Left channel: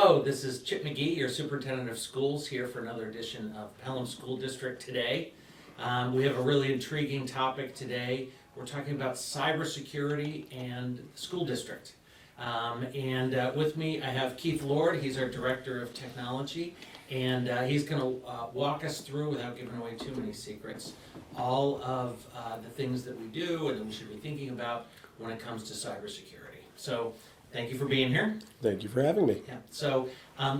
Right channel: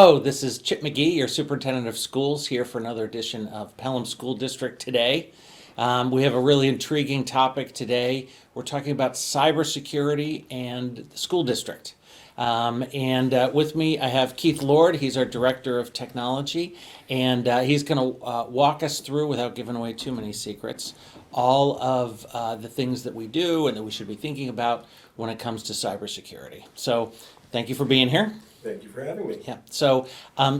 Hello, this is Chip McGee, your Superintendent of Schools, here for another edition of Pelham School District Today. We have a really intriguing topic today. We're talking about cybersecurity and the school district. With me, I have Keith Lord. He's our Director of Technology, and he's going to walk us through, without giving away too many secrets, all of the things that we do and that we should be thinking about when it comes to cybersecurity. So, thank you for being here. Thank you for having me. Yeah. So,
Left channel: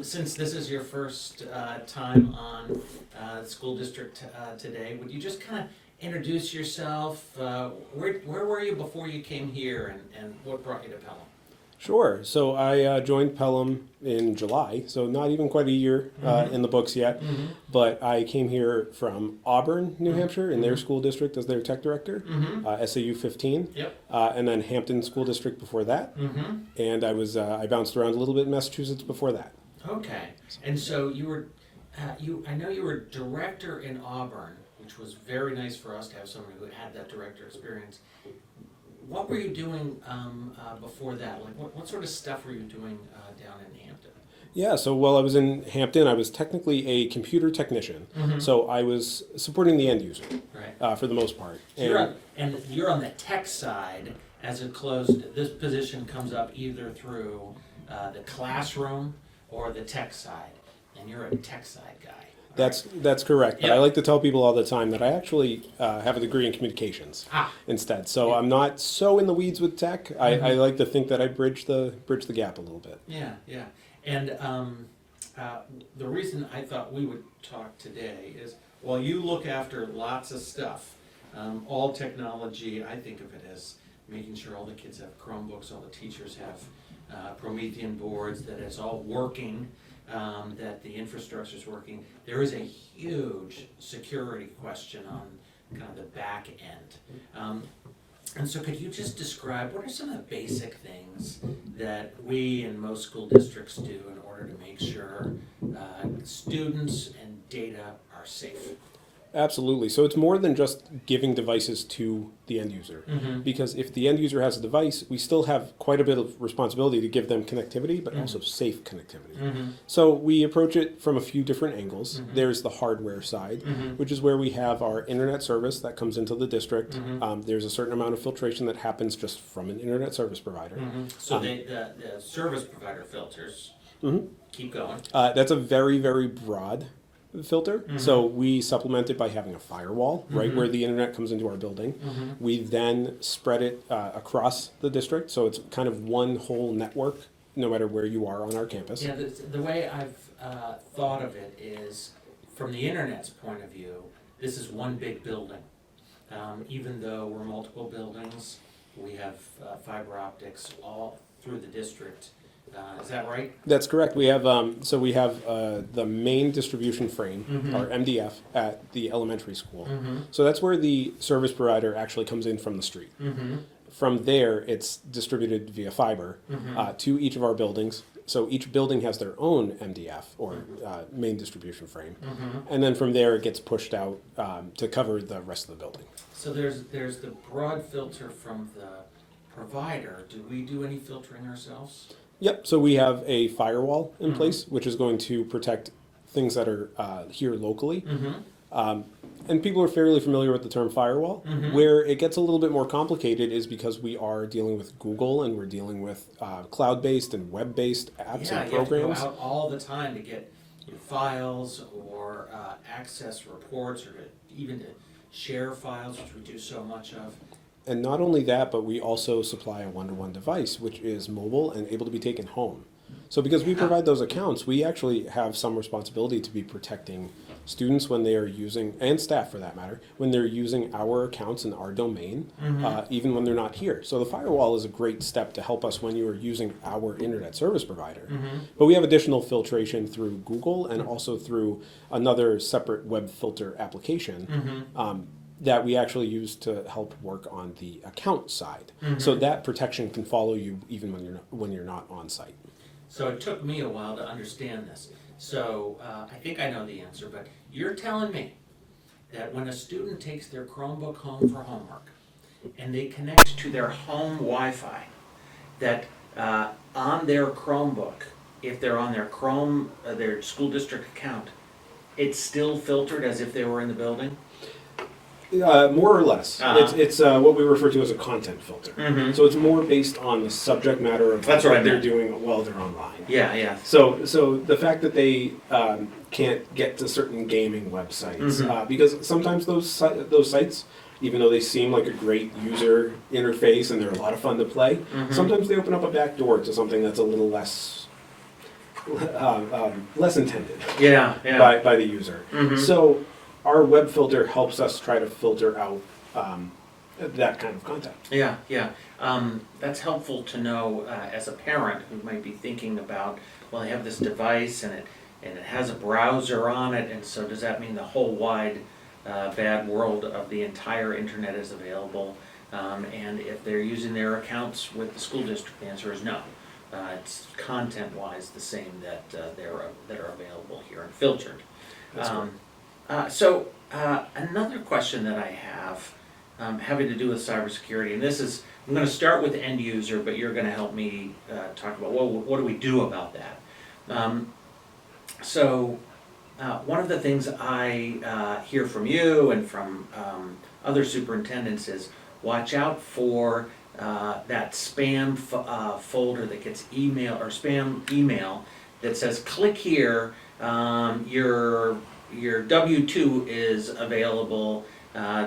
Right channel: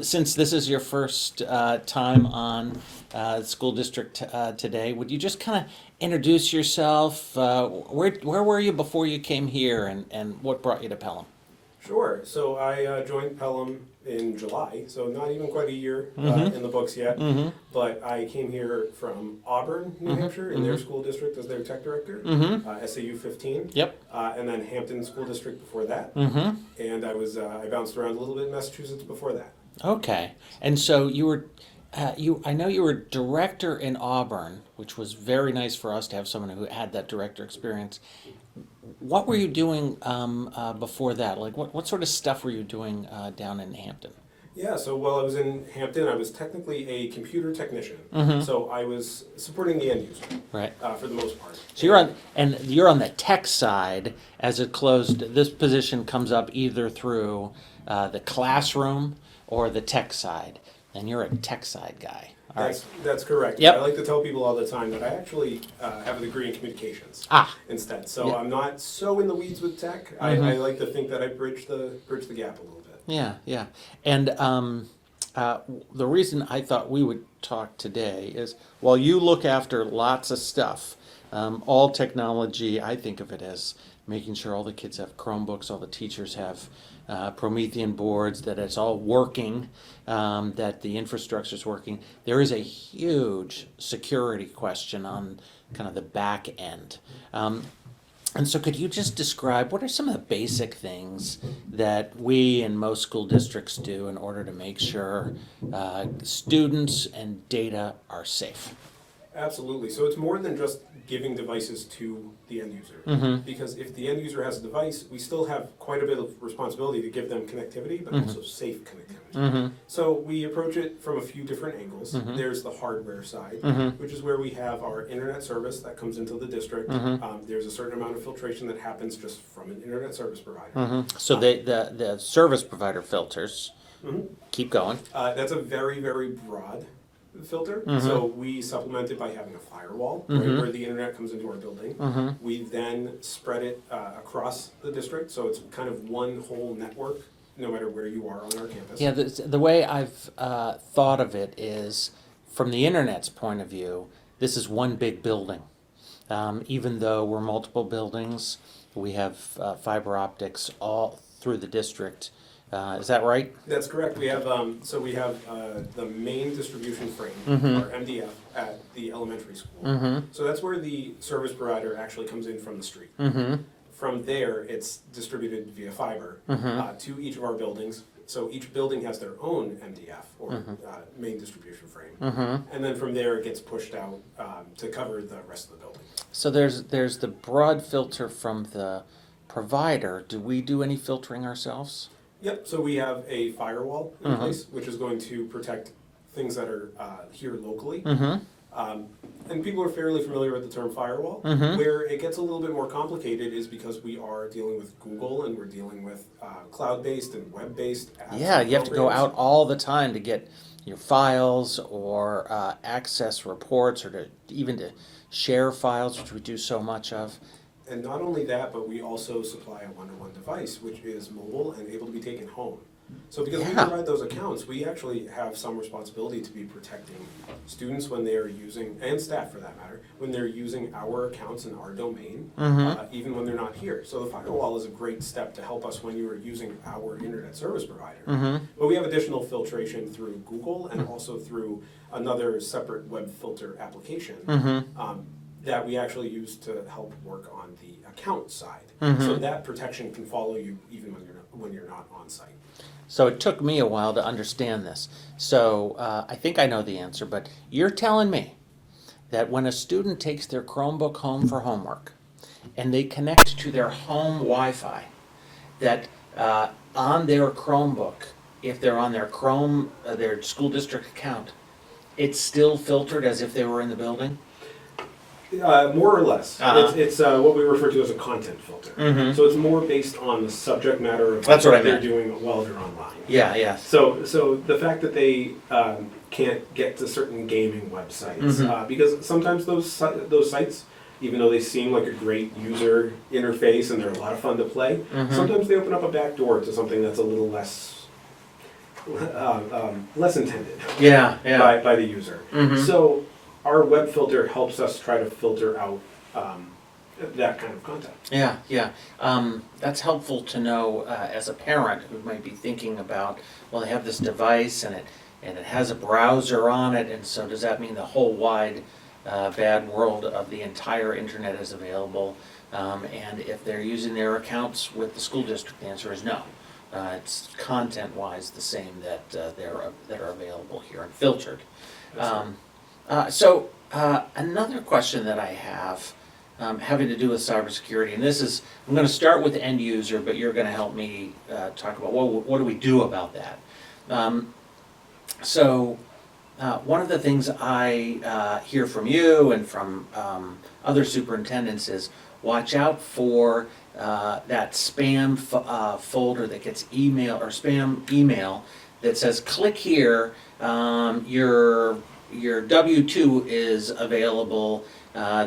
since this is your first time on school district today, would you just kind of introduce yourself? Where were you before you came here, and what brought you to Pelham? Sure. So I joined Pelham in July, so not even quite a year in the books yet. Mm-hmm. But I came here from Auburn, New Mm-hmm. Hampshire, in their school district as their tech director, SAU 15. Yep. And then Hampton School District before that. Mm-hmm. And I bounced around a little bit in Massachusetts before that. Okay. And so you were, I know you were director in Auburn, which was very nice for us to have someone who had that director experience. What were you doing before that? Like, what sort of stuff were you doing down in Hampton? Yeah, so while I was in Hampton, I was technically a computer technician. Mm-hmm. So I was supporting the end user, Right. for the most part. So you're on the tech side. As it closed, this position comes up either through the classroom or the tech side, and you're a tech side guy. That's correct. Yep. I like to tell people all the time that I actually have a degree in communications instead. So Yep. I'm not so in the weeds with tech. I like to think that I bridge the gap a little bit. Yeah, yeah. And the reason I thought we would talk today is, while you look after lots of stuff, all technology, I think of it as making sure all the kids have Chromebooks, all the teachers have Promethean boards, that it's all working, that the infrastructure is working. There is a huge security question on kind of the back end. And so could you just describe what are some of the basic things that we and most school districts do in order to make sure students and data are safe? Absolutely. So it's more than just giving devices to the end user. Mm-hmm. Because if the end user has a device, we still have quite a bit of responsibility to give them connectivity, but also safe connectivity. Mm-hmm. So we approach it from a few different angles. Mm-hmm. There's the hardware side, Mm-hmm. which is where we have our internet service that comes into the district. Mm-hmm. There's a certain amount of filtration that happens just from an internet service provider. Mm-hmm. So the service provider filters. Mhm. Keep going. That's a very, very broad filter. Mhm. So we supplement it by having a firewall right Mhm. where the internet comes into our building. Mm-hmm. We then spread it across the district, so it's kind of one whole network no matter where you are on our campus. Yeah, the way I've thought of it is, from the internet's point of view, this is one big building. Even though we're multiple buildings, we have fiber optics all through the district. Is that right? That's correct. We have the main distribution frame, Mhm. or MDF, at the elementary school. Mm-hmm. So that's where the service provider actually comes in from the street. Mm-hmm. From there, it's distributed via fiber to each of our buildings. So each building has their own MDF, or main distribution frame. Mm-hmm. And then from there, it gets pushed out to cover the rest of the building. So there's the broad filter from the provider. Do we do any filtering ourselves? Yep, so we have a firewall in place, which is going to protect things that are here locally. Mm-hmm. And people are fairly familiar with the term firewall. Mhm. Where it gets a little bit more complicated is because we are dealing with Google and we're dealing with cloud-based and web-based apps. Yeah, and you have to go programs. out all the time to get your files or access reports, or even to share files, which we do so much of. And not only that, but we also supply a one-to-one device, which is mobile and able to be taken home. So because we provide those accounts, we actually have some responsibility to be protecting students when they are using, and staff for that matter, when they're using our accounts in our domain, even when they're not here. So the firewall is a great step to help us when you are using our internet service provider. But we have additional filtration through Google and also through another separate web filter application. That we actually use to help work on the account side, so that protection can follow you even when you're not on site. So it took me a while to understand this. So I think I know the answer, but you're telling me that when a student takes their Chromebook home for homework and they connect to their home Wi-Fi, that on their Chromebook if they're on their Chrome, their school district account, it's still filtered as if they were in the building? More or less. Uh-huh. It's what we refer to as a content filter. Mhm. So it's more based on the subject matter of That's what I they're meant. doing while they're online. Yeah. So the fact that they can't get to certain gaming websites, Mhm. because sometimes those sites, even though they seem like a great user interface and they're a lot of fun to play, Mhm. sometimes they open up a back door to something that's a little less intended Yeah. by the user. Mhm. So our web filter helps us try to filter out that kind of content. Yeah. That's helpful to know as a parent who might be thinking about, well, they have this device and it has a browser on it, and so does that mean the whole wide bad world of the entire internet is available? And if they're using their accounts with the school district, the answer is no. It's content-wise the same that are available here and filtered. That's right. So another question that I have having to do with cybersecurity, and this is, I'm going to start with end user, but you're going to help me talk about what do we do about that. One of the things I hear from you and from other superintendents is watch out for that spam folder that gets email or spam email that says click here, your W-2 is available,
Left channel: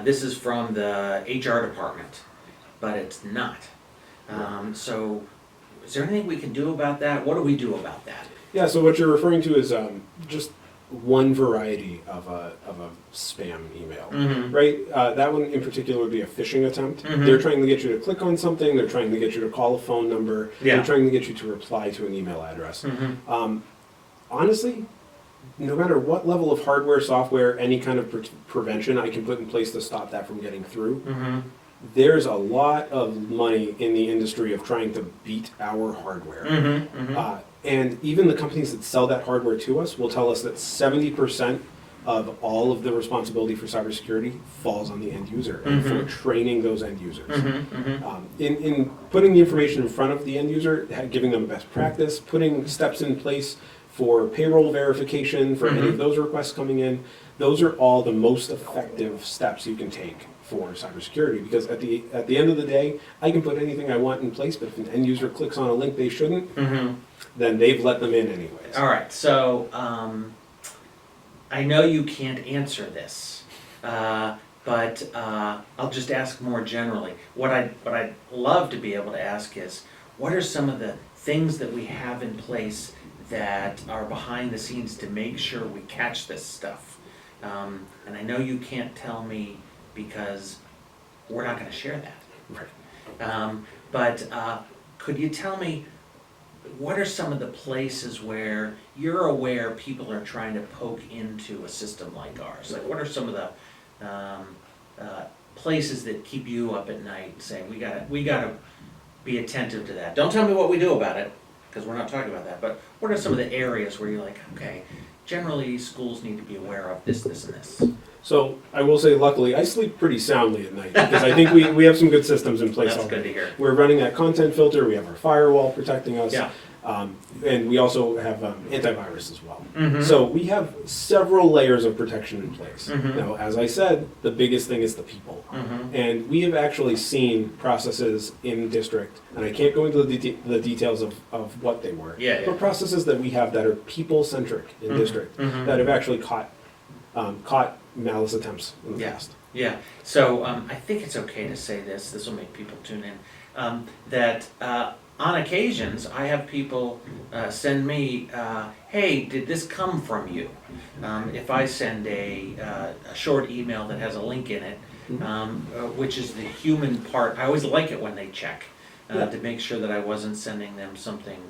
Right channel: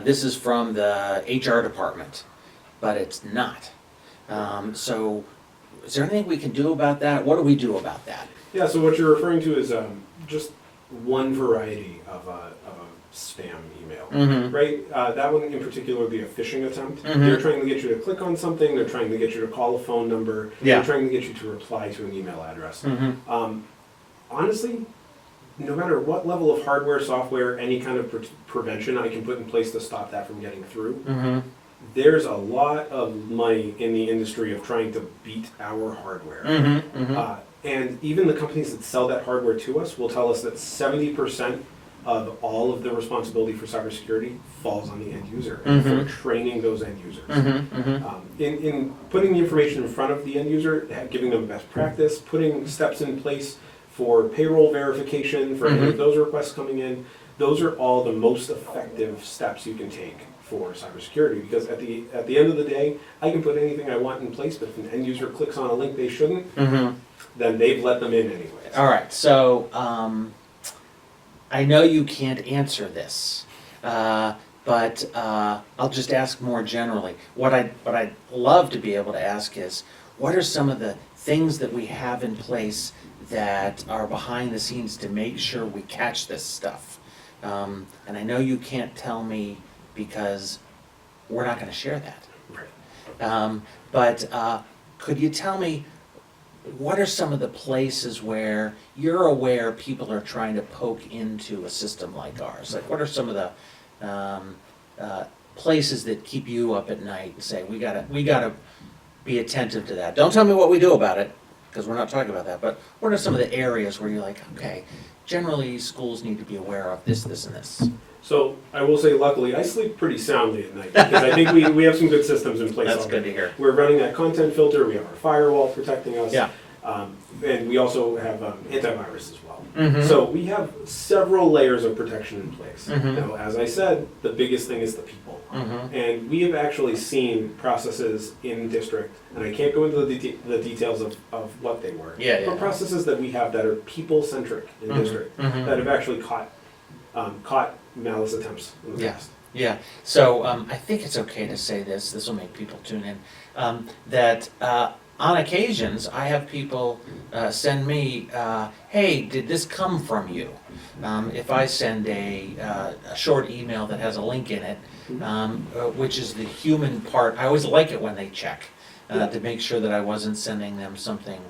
this is from the HR department, but it's not. So is there anything we can do about that? What do we do about that? Yeah, so what you're referring to is just one variety of a spam email, Mhm. right? That one in particular would be a phishing attempt. Mhm. They're trying to get you to click on something, they're trying to get you to call a phone number, Yeah. they're trying to get you to reply to an email address. Mm-hmm. Honestly, no matter what level of hardware, software, any kind of prevention I can put in place to stop that from getting through, Mm-hmm. there's a lot of money in the industry of trying to beat our hardware. Mm-hmm. Mm-hmm. And even the companies that sell that hardware to us will tell us that 70% of all of the responsibility for cybersecurity falls on the end user and for training those end users. Mm-hmm. In putting the information in front of the end user, giving them best practice, putting steps in place for payroll verification, for any of those requests coming in, those are all the most effective steps you can take for cybersecurity, because at the end of the day, I can put anything I want in place, but if an end user clicks on a link they shouldn't, then they've let them in anyways. All right, so I know you can't answer this, but I'll just ask more generally. What I'd love to be able to ask is, what are some of the things that we have in place that are behind the scenes to make sure we catch this stuff? And I know you can't tell me because we're not going to share that. Right. But could you tell me, what are some of the places where you're aware people are trying to poke into a system like ours? Like, what are some of the places that keep you up at night and say, we gotta be attentive to that? Don't tell me what we do about it, because we're not talking about that, but what are some of the areas where you're like, okay, generally schools need to be aware of this, this, and this? So I will say, luckily, I sleep pretty soundly at night, because I think we have some good systems in place That's already. good to hear. We're running that content filter, we have our firewall protecting us. Yeah. And we also have antivirus as well. Mhm. So we have several layers of protection in place. Mhm. Now, as I said, the biggest thing is the people. Mhm. And we have actually seen processes in district, and I can't go into the details of what they were, Yeah. but processes that we have that are people-centric in Mhm. district Mhm. that have actually caught malice attempts in the Yeah. past. Yeah, so I think it's okay to say this will make people tune in, that on occasions, I have people send me, hey, did this come from you? If I send a short email that has a link in it, which is the human part, I always like it when they check to make sure that I wasn't sending them something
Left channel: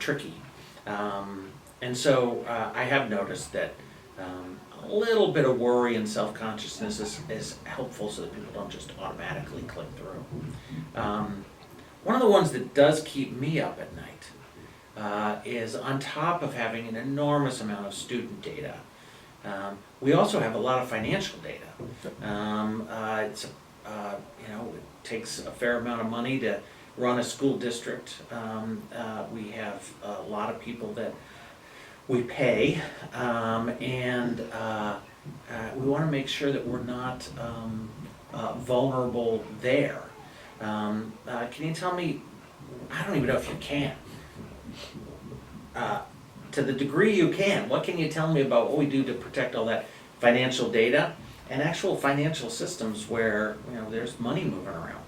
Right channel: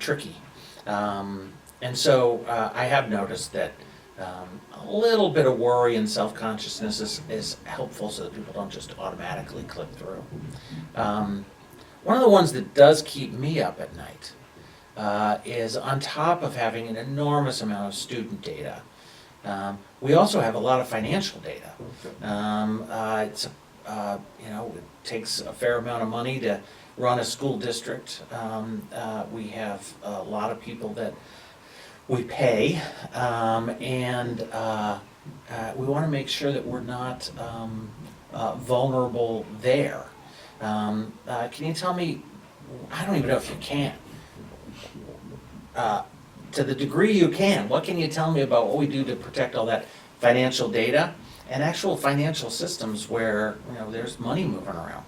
tricky. And so I have noticed that a little bit of worry and self-consciousness is helpful so that people don't just automatically click through. One of the ones that does keep me up at night is, on top of having an enormous amount of student data, we also have a lot of financial data. It takes a fair amount of money to run a school district. We have a lot of people that we pay, and we want to make sure that we're not vulnerable there. Can you tell me, I don't even know if you can, to the degree you can, what can you tell me about what we do to protect all that financial data and actual financial systems where, there's money moving around?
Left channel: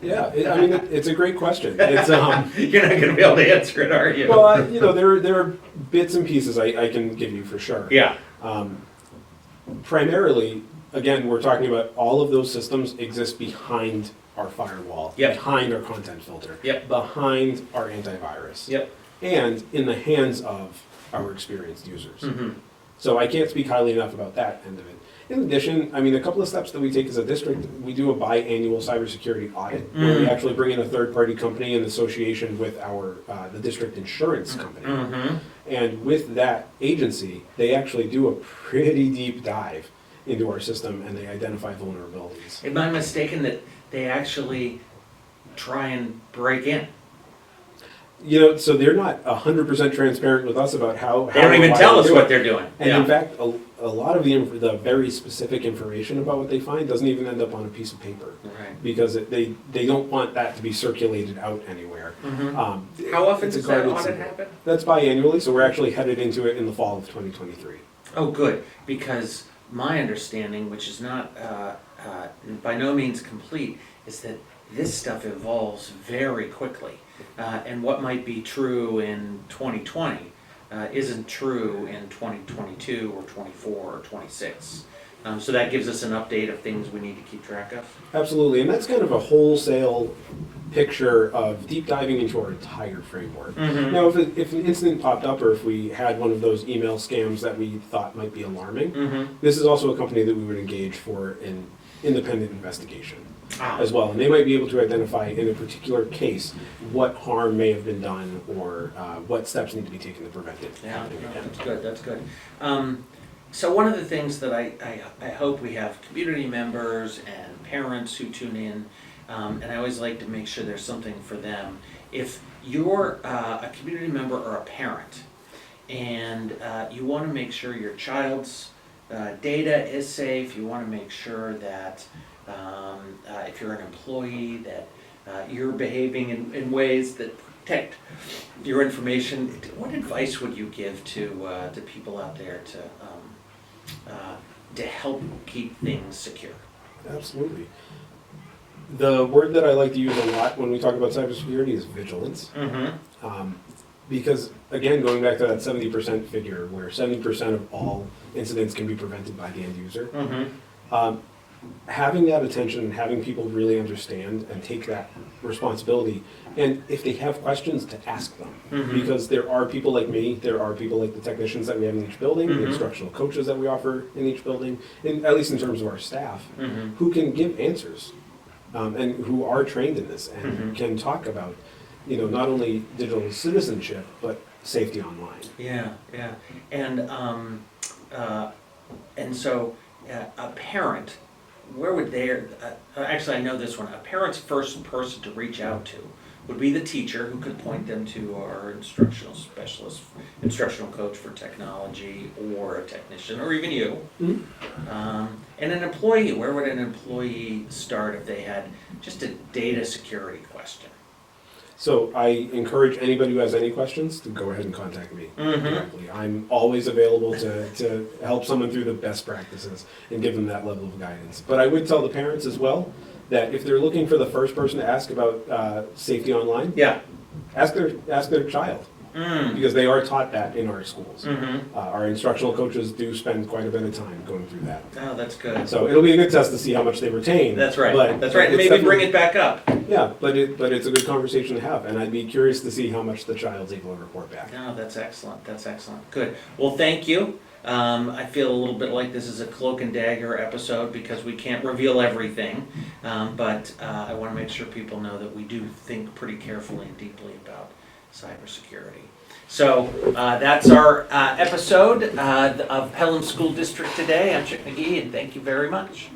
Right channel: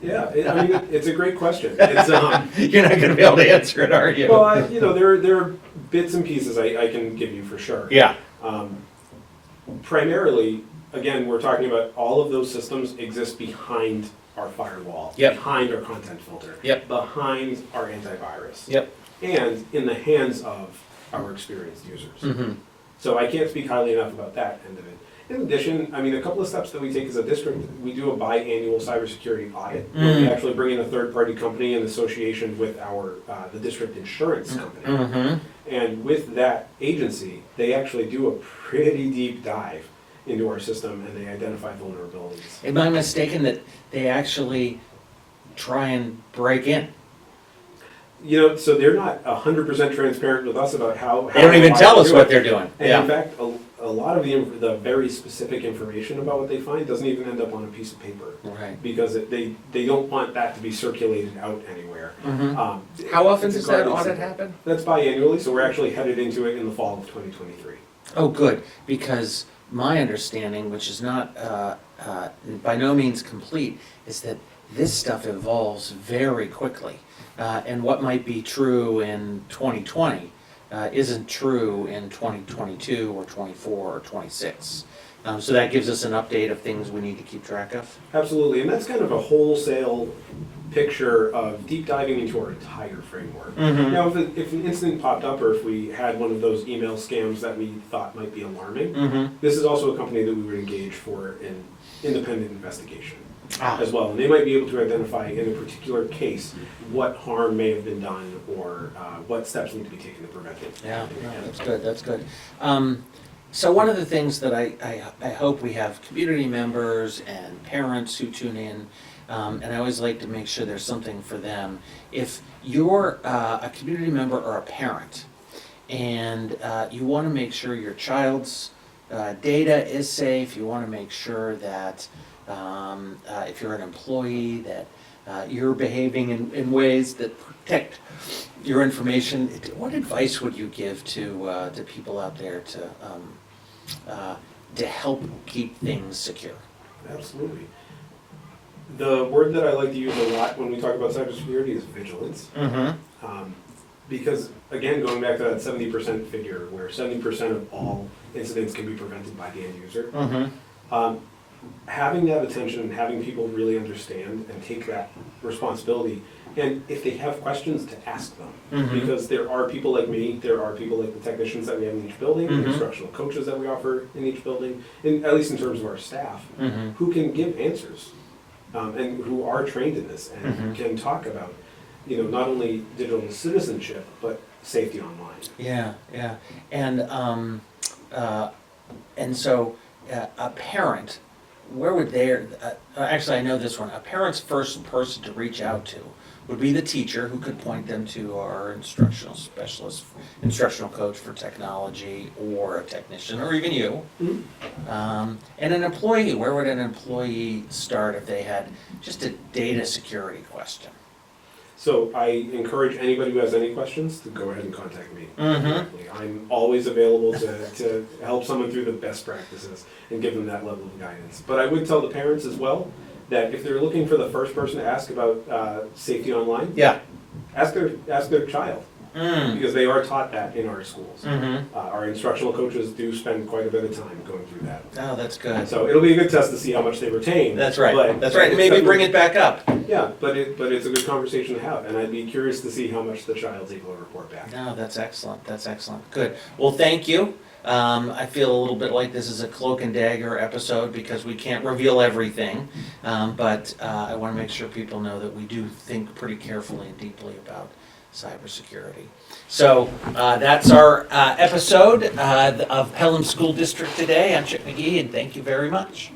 Yeah, I mean, it's a great question. It's, You're not gonna be able to answer it, are you? well, there are bits and pieces I can give you for sure. Yeah. Primarily, again, we're talking about all of those systems exist behind our firewall, Yep. behind our content filter, Yep. behind our antivirus, Yep. and in the hands of our experienced users. Mm-hmm. So I can't speak highly enough about that end of it. In addition, I mean, a couple of steps that we take as a district, we do a biannual cybersecurity audit, where we actually bring in a third-party company in association with our the district insurance company. Mm-hmm. And with that agency, they actually do a pretty deep dive into our system and they identify vulnerabilities. Am I mistaken that they actually try and break in? So they're not 100% transparent with us about how They don't even why tell they us do what it. they're doing. And Yeah. in fact, a lot of the very specific information about what they find doesn't even end up on a piece of paper. Right. Because they don't want that to be circulated out anywhere. Mhm. It's How often it's a does that guarded audit secret. happen? That's biannually, so we're actually headed into it in the fall of 2023. Oh, good, because my understanding, which is not, by no means complete, is that this stuff evolves very quickly. And what might be true in 2020 isn't true in 2022 or 24 or 26. So that gives us an update of things we need to keep track of. Absolutely, and that's kind of a wholesale picture of deep diving into our entire framework. Mhm. Now, if an incident popped up or if we had one of those email scams that we thought might be alarming, Mm-hmm. this is also a company that we would engage for an independent investigation Ah. as well. And they might be able to identify in a particular case what harm may have been done or what steps need to be taken to prevent it. Yeah, no, that's good, that's good. So one of the things that I hope we have community members and parents who tune in, and I always like to make sure there's something for them. If you're a community member or a parent, and you want to make sure your child's data is safe, you want to make sure that if you're an employee, that you're behaving in ways that protect your information, what advice would you give to people out there to help keep things secure? Absolutely. The word that I like to use a lot when we talk about cybersecurity is vigilance. Mm-hmm. Because, again, going back to that 70% figure, where 70% of all incidents can be prevented by the end user, Mm-hmm. Having that attention and having people really understand and take that responsibility, and if they have questions, to ask them. Mhm. Because there are people like me, there are people like the technicians that we have in each building, Mhm. the instructional coaches that we offer in each building, and at least in terms of our staff, Mhm. who can give answers and who are trained in this and Mhm. can talk about, not only digital citizenship, but safety online. Yeah, yeah, and so a parent, where would actually I know this one, a parent's first person to reach out to would be the teacher, who could point them to our instructional specialist, instructional coach for technology, or a technician, or even you. And an employee, where would an employee start if they had just a data security question? So I encourage anybody who has any questions to go ahead and contact me Mhm. directly. I'm always available to help someone through the best practices and give them that level of guidance. But I would tell the parents as well that if they're looking for the first person to ask about safety online, Yeah. ask their child, Mm. because they are taught that in our schools. Mm-hmm. Our instructional coaches do spend quite a bit of time going through that. Oh, that's good. So it'll be a good test to see how much they retain. That's right, but that's right, and it's maybe bring definitely- it back up. Yeah, but it's a good conversation to have, and I'd be curious to see how much the child's able to report back. No, that's excellent, good. Well, thank you. I feel a little bit like this is a cloak and dagger episode because we can't reveal everything. But I want to make sure people know that we do think pretty carefully and deeply about cybersecurity. So that's our episode of Pelham School District today. I'm Chick McGee, and thank you very much.